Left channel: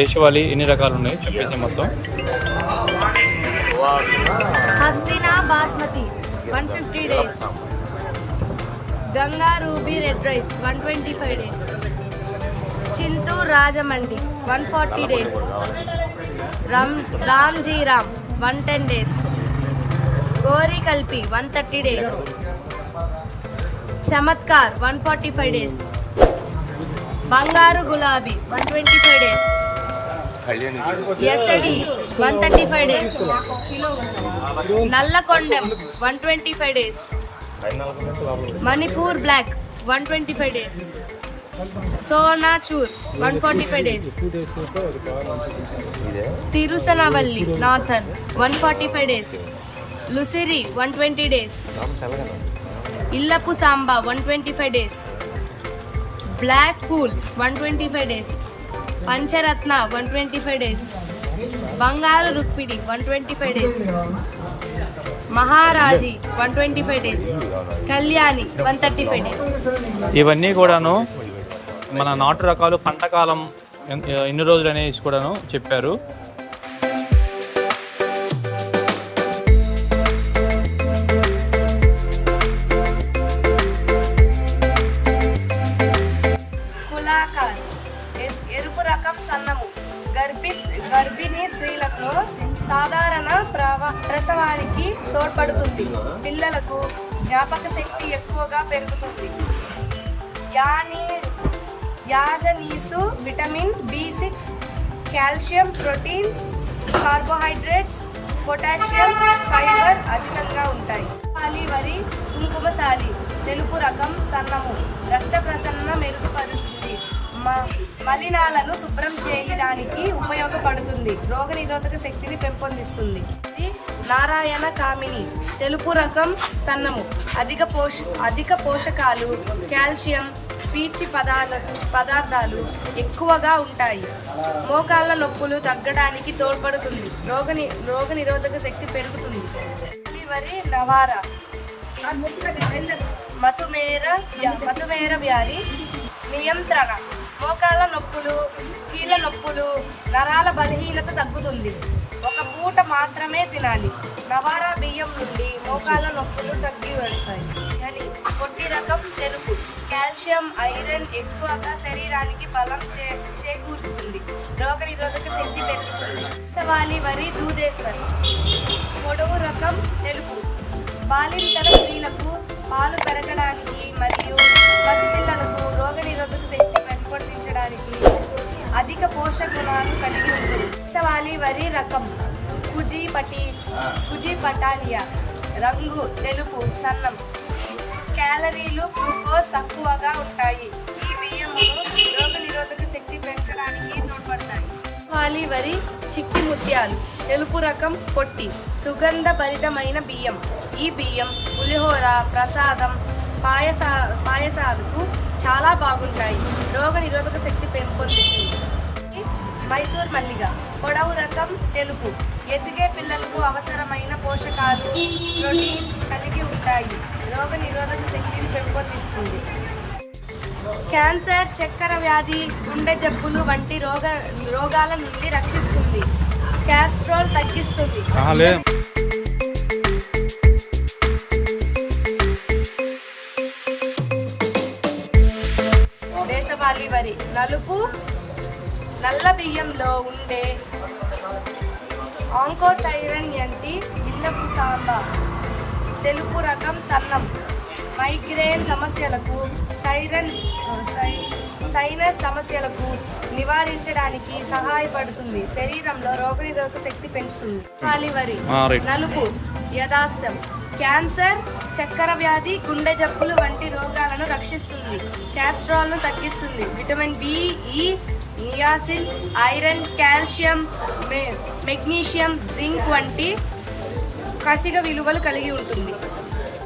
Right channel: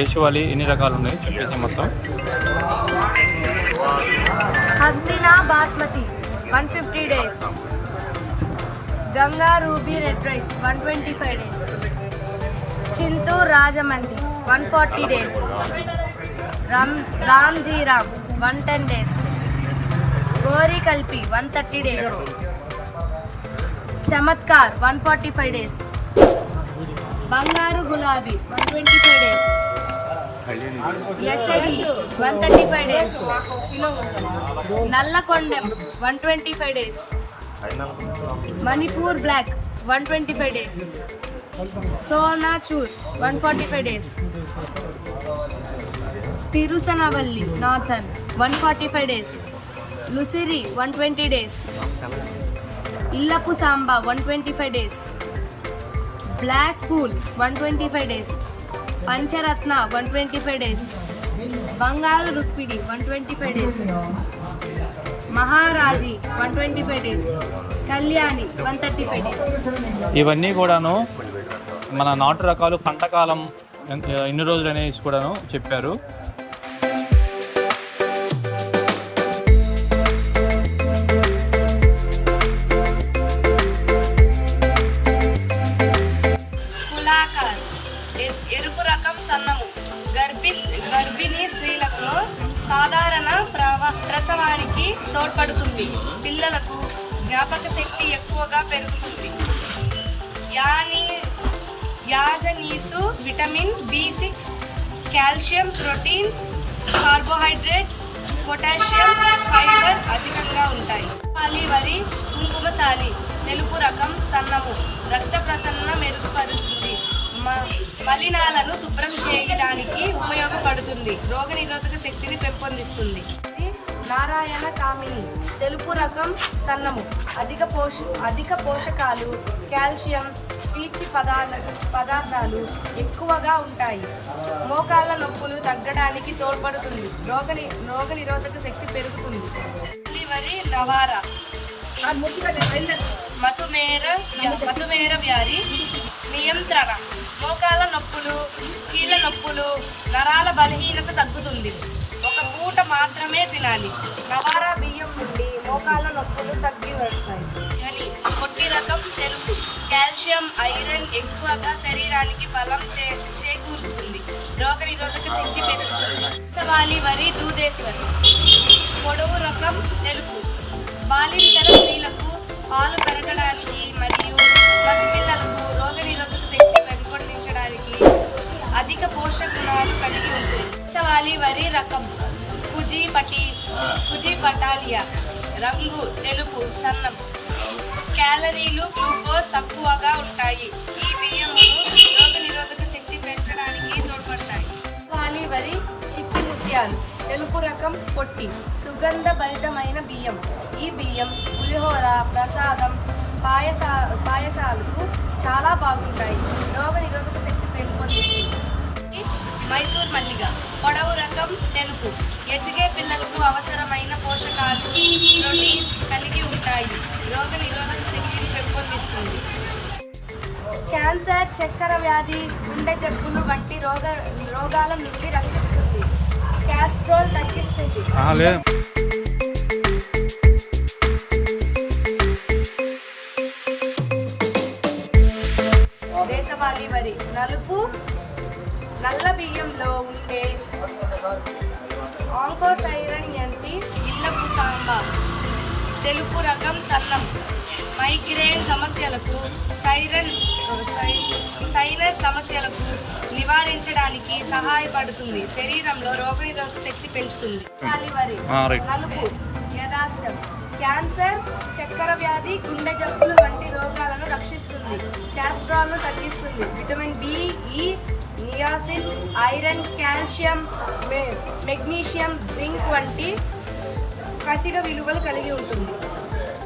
దేశవాళీ ఎన్ని రకాలు ఉన్నాయి చెప్పేసి మొత్తం. Hastina basmati one fifty days Ganga ruby red rice one twenty five days Chintu Rajahmundry one forty days Ram Ramjiram one ten days gory కల్పి one thirty days Chamatkar one forty five days Bangaru Gulabi one twenty five days SAD one thirty five days Nallakondam one twenty five days Manipur black one twenty five days Sonachur one forty five days తిరుసనవల్లి northern one forty five days లుసిరి one twenty days Illapu Samba one twenty five days black cool one twenty five days Pancharatna one twenty five days. Bangaru రుక్మిడి one twenty five days. Maharaji one twenty five days. Kalyani one thirty five days. ఇవన్నీ కూడాను మన నాటు రకాలు పంటకాలం ఎన్ని రోజులు అనేసి కూడాను చెప్పారు. సన్నము. గర్భి గర్భిణీ స్త్రీలకు సాధారణ ప్రవ ప్రసవానికి తోడ్పడుతుంది. పిల్లలకు జ్ఞాపక శక్తి ఎక్కువగా పెరుగుతుంది. యాని యాజనీసు vitamin B six calcium proteins carbohydrates potassium fibre అధికంగా ఉంటాయి. పాలి వరి కుంకుమసాలి తెలుపు రకం సన్నము. రక్త ప్రసన్న మెరుగుపరుస్తుంది. మలినాలను శుభ్రం చేయడానికి ఉపయోగపడుతుంది. రోగనిరోధక శక్తిని పెంపొందిస్తుంది. నారాయణ కామిని. తెలుపు రకం సన్నము. అధిక పోష అధిక పోషకాలు కాల్షియం పీచి పదార్థ పదార్థాలు ఎక్కువగా ఉంటాయి. మోకాళ్ళ నొప్పులు తగ్గడానికి తోడ్పడుతుంది. రోగని రోగ నిరోధక శక్తి పెరుగుతుంది. వరి నవారా మధుమేర మధుమేర వ్యాధి నియంత్రణ. మోకాళ్ళ నొప్పులు కీళ్ళ నొప్పులు నరాల బలహీనత తగ్గుతుంది. ఒక పూట మాత్రమే తినాలి. నవారా బియ్యం నుండి మోకాళ్ళ నొప్పులు తగ్గి వస్తాయి. అని పొట్టి రకం తెలుపు. కాల్షియం ఐరన్ ఎక్కువగా శరీరానికి బలం చే చేకూరుస్తుంది. రోగ నిరోధక శక్తి పెరుగుతుంది. వాలి వరి దూదేశ్వరి. పొడవు రకం తెలుపు. బాలింతల స్త్రీలకు పాలు పెరగడానికి పోషక కలిగి ఉంటుంది సవాలి వరి రకం కుజీ పటి కుజీ పటాలియా రంగు తెలుపు సన్నం. క్యాలరీలు గ్లూకోజ్ తక్కువగా ఉంటాయి. ఈ బియ్యము రోగనిరోధక శక్తి పెంచడానికి తోడ్పడతాయి. వాలి వరి చిక్కు ముత్యాలు తెలుపు రకం పొట్టి సుగంధ భరితమైన బియ్యం. ఈ బియ్యం పులిహోర ప్రసాదం పాయస పాయసాలకు చాలా బాగుంటాయి. రోగ నిరోధక శక్తి పెంపొందిస్తుంది. మైసూర్ మల్లిగ. పొడవు రకం తెలుపు. ఎదిగే పిల్లలకు అవసరమైన పోషకాలు ప్రోటీన్ కలిగి ఉంటాయి. రోగ నిరోధక శక్తిని పెంపొందిస్తుంది. క్యాన్సర్ చక్కెర వ్యాధి గుండె జబ్బులు వంటి రోగ రోగాల నుండి రక్షిస్తుంది. క్యాస్ట్రోల్ తగ్గిస్తుంది. దేశవాళీ వరి. నలుపు నల్ల బియ్యంలో ఉండే ఆంకోసైరన్ అంటే ఇళ్ళపు సాంబా తెలుపు రకం సన్నం. మైగ్రేన్ సమస్యలకు సైరన్ సైనస్ సమస్యలకు నివారించడానికి సహాయపడుతుంది. శరీరంలో రోగనిరోధక శక్తి పెంచుతుంది. దేశవాళీ వరి ఆ, రైట్. నలుపు యథాస్థం క్యాన్సర్ చక్కెర వ్యాధి గుండె జబ్బులు వంటి రోగాలను రక్షిస్తుంది. క్యాస్ట్రాల్ను తగ్గిస్తుంది. Vitamin B E niacin iron calcium magnesium zinc వంటి కసిక విలువలు కలిగి ఉంటుంది.